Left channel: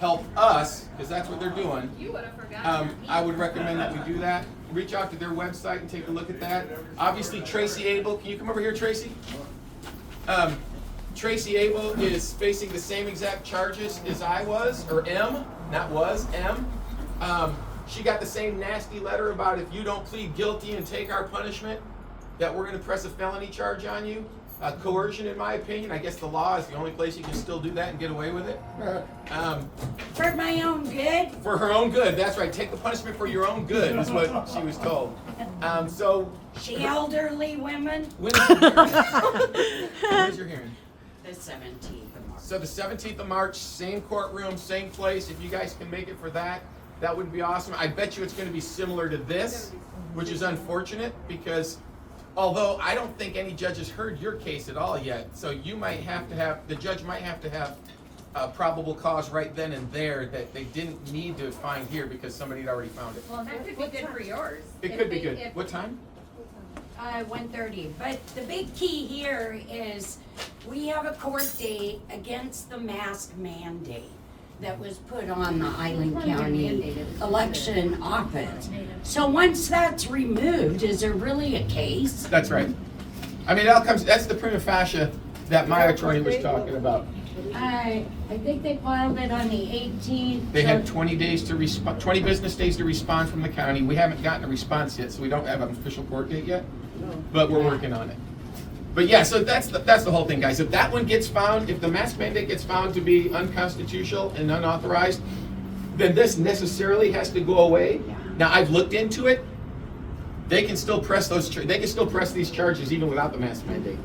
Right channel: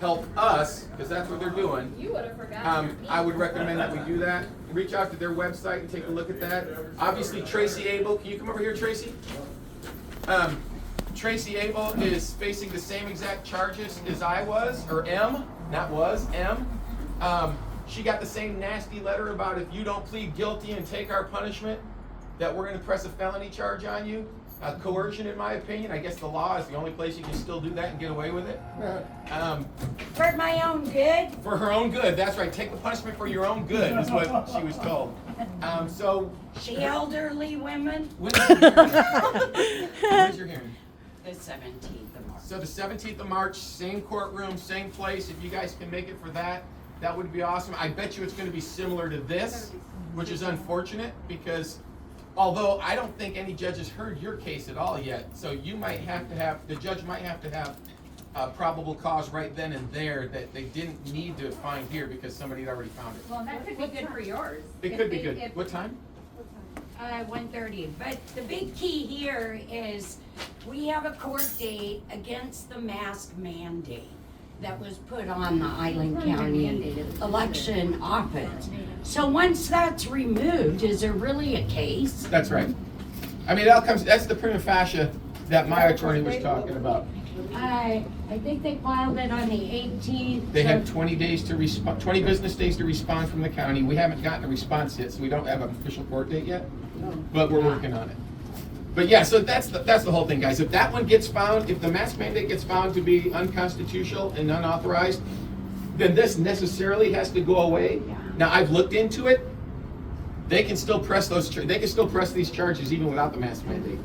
help us, because that's what they're doing, You would have forgotten. I would recommend that we do that. Reach out to their website and take a look at that. Obviously, Tracy Abel, can you come over here, Tracy? Tracy Abel is facing the same exact charges as I was, or M, not was, M. She got the same nasty letter about if you don't plead guilty and take our punishment, that we're gonna press a felony charge on you. Coercion, in my opinion. I guess the law is the only place you can still do that and get away with it. For my own good? For her own good, that's right. Take the punishment for your own good, is what she was told. So. She elderly women? When is your hearing? When is your hearing? The 17th of March. So the 17th of March, same courtroom, same place. If you guys can make it for that, that would be awesome. I bet you it's going to be similar to this, which is unfortunate because although I don't think any judge has heard your case at all yet, so you might have to have, the judge might have to have a probable cause right then and there that they didn't need to find here because somebody had already found it. Well, that could be good for yours. It could be good. What time? 1:30. But the big key here is we have a court date against the mask mandate that was put on the Island County election office. So once that's removed, is there really a case? That's right. I mean, that's the prima facie that my attorney was talking about. I think they filed it on the 18th. They had 20 days to respond, 20 business days to respond from the county. We haven't gotten a response yet, so we don't have an official court date yet, but we're working on it. But yeah, so that's the whole thing, guys. If that one gets found, if the mask mandate gets found to be unconstitutional and unauthorized, then this necessarily has to go away. Now, I've looked into it. They can still press these charges even without the mask mandate.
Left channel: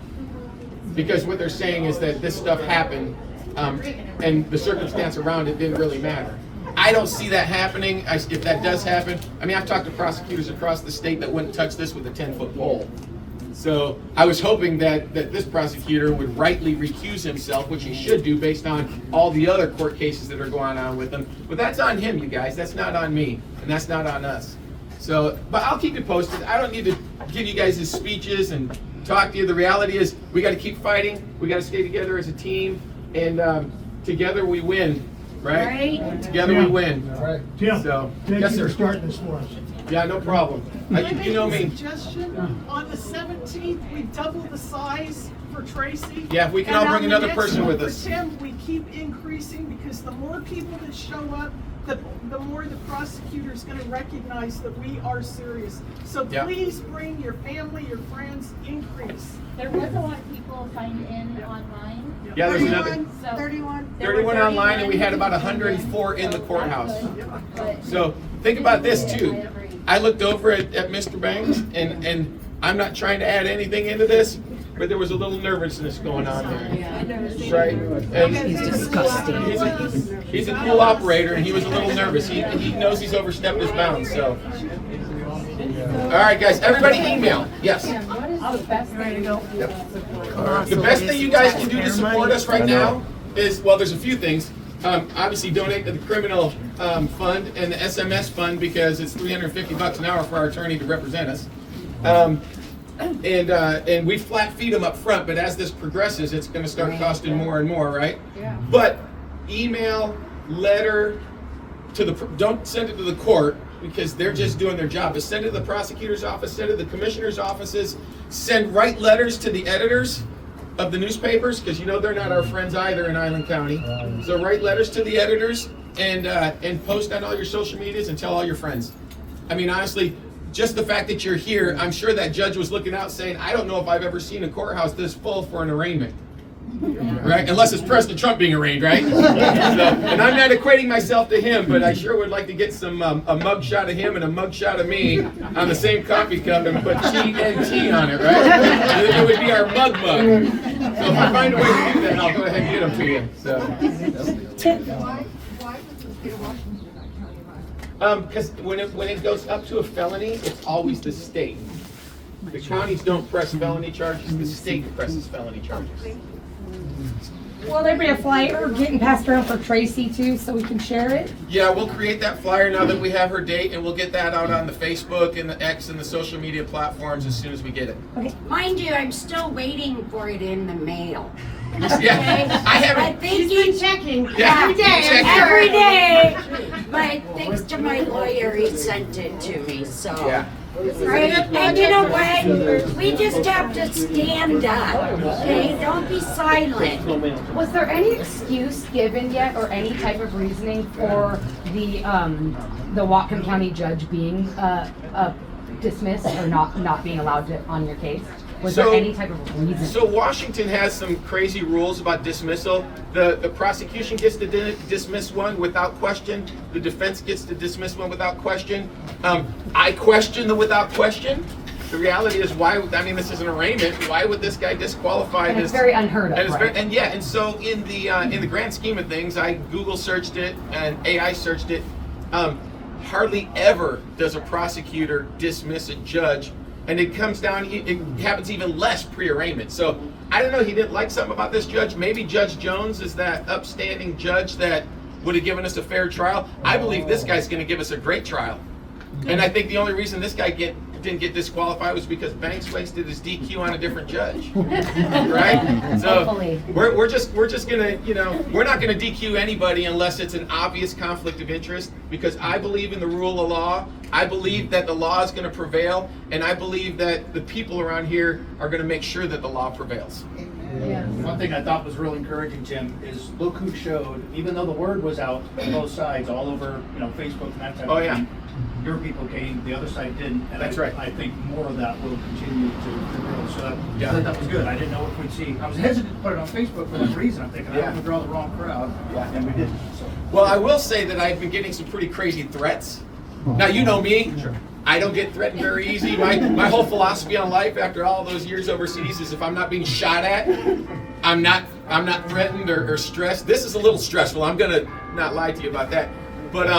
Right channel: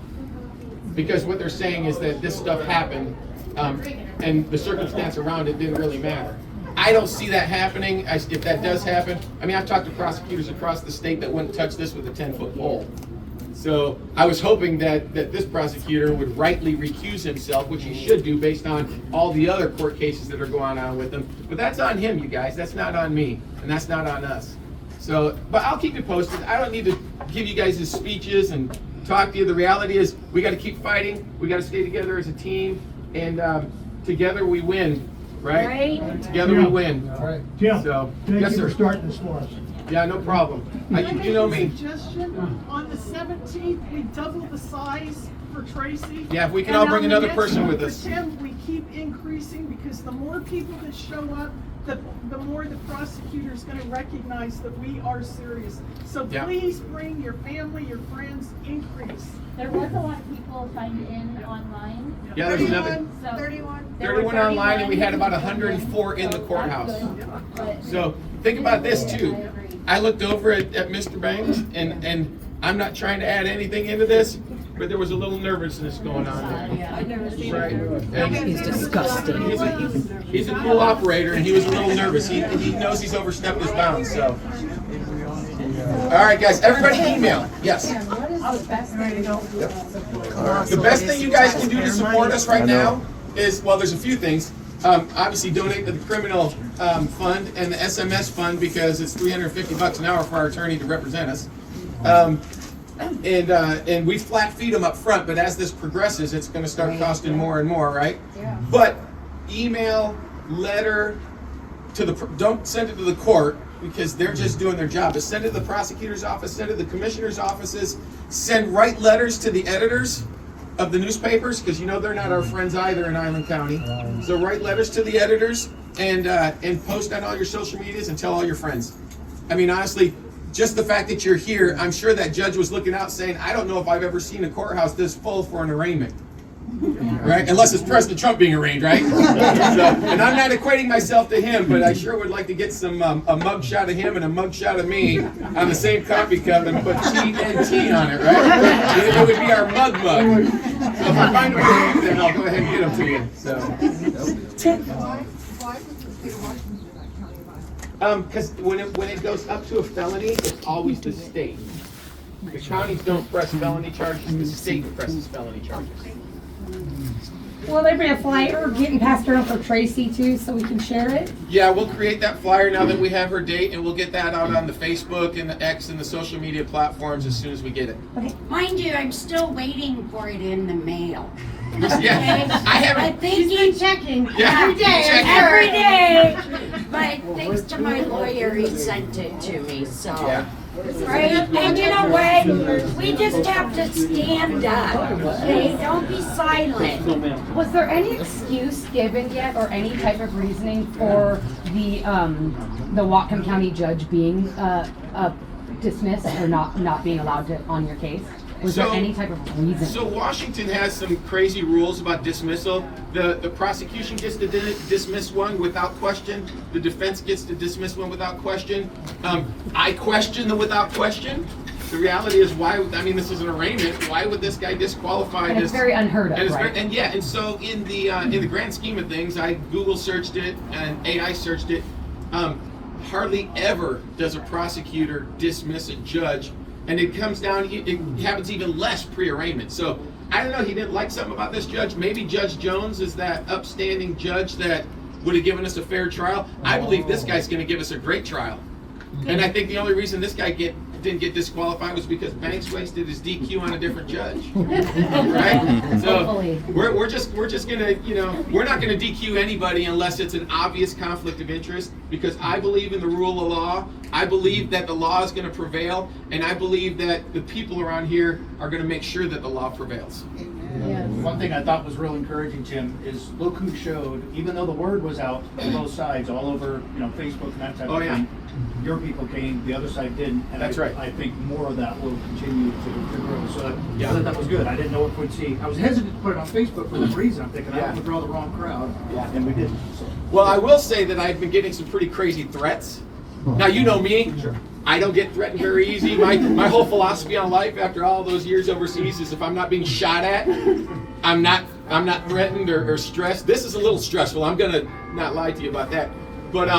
Because what they're saying is that this stuff happened, and the circumstance around it didn't really matter. I don't see that happening. If that does happen, I mean, I've talked to prosecutors across the state that wouldn't touch this with a 10-foot pole. So I was hoping that this prosecutor would rightly recuse himself, which he should do based on all the other court cases that are going on with him. But that's on him, you guys. That's not on me, and that's not on us. So, but I'll keep you posted. I don't need to give you guys his speeches and talk to you. The reality is we got to keep fighting. We got to stay together as a team, and together we win, right? Right. Together we win. All right. Tim, So, thank yes, you sir. for starting this for us. Yeah, no problem. You know me. Suggestion, on the 17th, we double the size for Tracy. Yeah, if we can And all bring on the another next person one with for us. Tim, we keep increasing because the more people that show up, the more the prosecutor's gonna recognize that we are serious. So Yeah. please bring your family, your friends, increase. There was a lot of people signed in online. Yeah, there's another 31 online, and we had about 104 in the courthouse. So think about this too. I looked over at Mr. Banks, and I'm not trying to add anything into this, but there was a little nervousness going on there. Right? And He's disgusting. He's a cool operator, and he was a little nervous. He knows he's overstepped his bounds. So, all right, guys, everybody email. Yes. The best thing you guys can do to support us right now is, well, there's a few things. Obviously, donate to the criminal fund and the SMS fund because it's $350 an hour for our attorney to represent us. And we flat feed them up front, but as this progresses, it's going to start costing more and more, right? Yeah. But email, letter to the, don't send it to the court because they're just doing their job. But send it to the prosecutor's office, send it to the commissioner's offices, write letters to the editors of the newspapers because you know they're not our friends either in Island County. So write letters to the editors and post on all your social medias and tell all your friends. I mean, honestly, just the fact that you're here, I'm sure that judge was looking out saying, I don't know if I've ever seen a courthouse this full for an arraignment. Right? Unless it's President Trump being arraigned, right? So, and I'm not equating myself to him, but I sure would like to get some a mug shot of him and a mug shot of me on the same coffee cup and put TNT on it, right? It would be our mug. So if I find a way to do that, I'll go ahead and get them to you. So. Because when it goes up to a felony, it's always the state. The counties don't press felony charges, the state presses felony charges. Will there be a flyer getting passed around for Tracy too, so we can share it? Yeah, we'll create that flyer now that we have her date, and we'll get that out on the Facebook and the X and the social media platforms as soon as we get it. Okay. Mind you, I'm still waiting for it in the mail. Yeah, I haven't. But thank you. Checking Yeah, every day. check it. Every day. to my lawyer, he sent it to me, so. Yeah. Right, and you know what? We just have to stand up, okay? Don't be silent. Was there any excuse given yet, or any type of reasoning for the Whatcom County judge being dismissed or not being allowed to on your case? Was there any type of reason? So Washington has some crazy rules about dismissal. The prosecution gets to dismiss one without question. The defense gets to dismiss one without question. I question the without question. The reality is, why? I mean, this is an arraignment. Why would this guy disqualify And this? it's very unheard of, And it's right? and so in the grand scheme of things, I Google searched it and AI searched it. Hardly ever does a prosecutor dismiss a judge, and it comes down. It happens even less pre-arraignment. So I don't know. He didn't like something about this judge. Maybe Judge Jones is that upstanding judge that would have given us a fair trial. I believe this guy's going to give us a great trial. And I think the only reason this guy didn't get disqualified was because Banks wasted his DQ on a different judge, right? So Hopefully. we're just gonna, we're not gonna DQ anybody unless it's an obvious conflict of interest, because I believe in the rule of law. I believe that the law is gonna prevail, and I believe that the people around here are gonna make sure that the law prevails. One thing I thought was real encouraging, Jim, is look who showed, even though the word was out on both sides, all over, Facebook and that type Oh, of yeah. thing. Your people came, the other side didn't. And That's right. I think more of that will continue to grow. So Yeah. I thought that was good. I didn't know if we'd see. I was hesitant to put it on Facebook for this reason. I'm thinking, I Yeah. don't want to draw the wrong crowd. Yeah. And we didn't. So. Well, I will say that I've been getting some pretty crazy threats. Now, you know me. I don't get threatened very easy. My whole philosophy on life after all those years overseas is if I'm not being shot at, I'm not threatened or stressed. This is a little stressful. I'm gonna not lie to you about that. But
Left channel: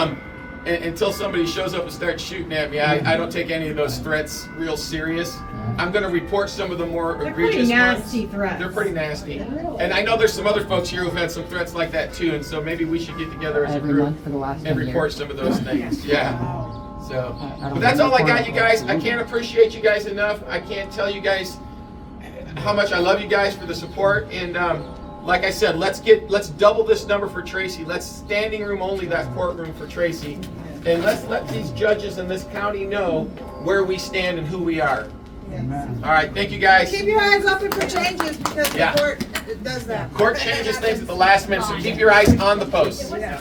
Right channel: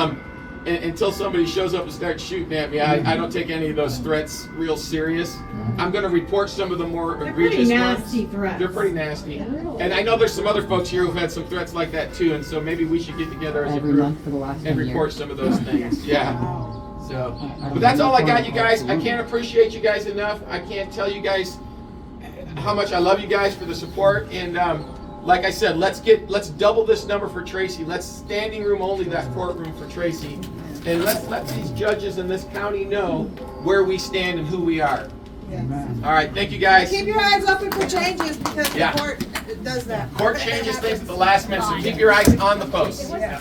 until somebody shows up and starts shooting at me, I don't take any of those threats real serious. I'm gonna report some of the more egregious nasty ones. threats. They're pretty nasty. And I know there's some other folks here who've had some threats like that too, and so maybe we should get together as a Every group month for the last and 10 report years. some of those things. Yeah. So, but that's all I got, you guys. I can't appreciate you guys enough. I can't tell you guys how much I love you guys for the support. And like I said, let's double this number for Tracy. Let's standing room only that courtroom for Tracy, and let's let these judges in this county know where we stand and who we are. All right, thank you guys. Keep your eyes open for changes because Yeah. the court does that. Court changes things at the last minute, so keep your eyes on the post. Yeah.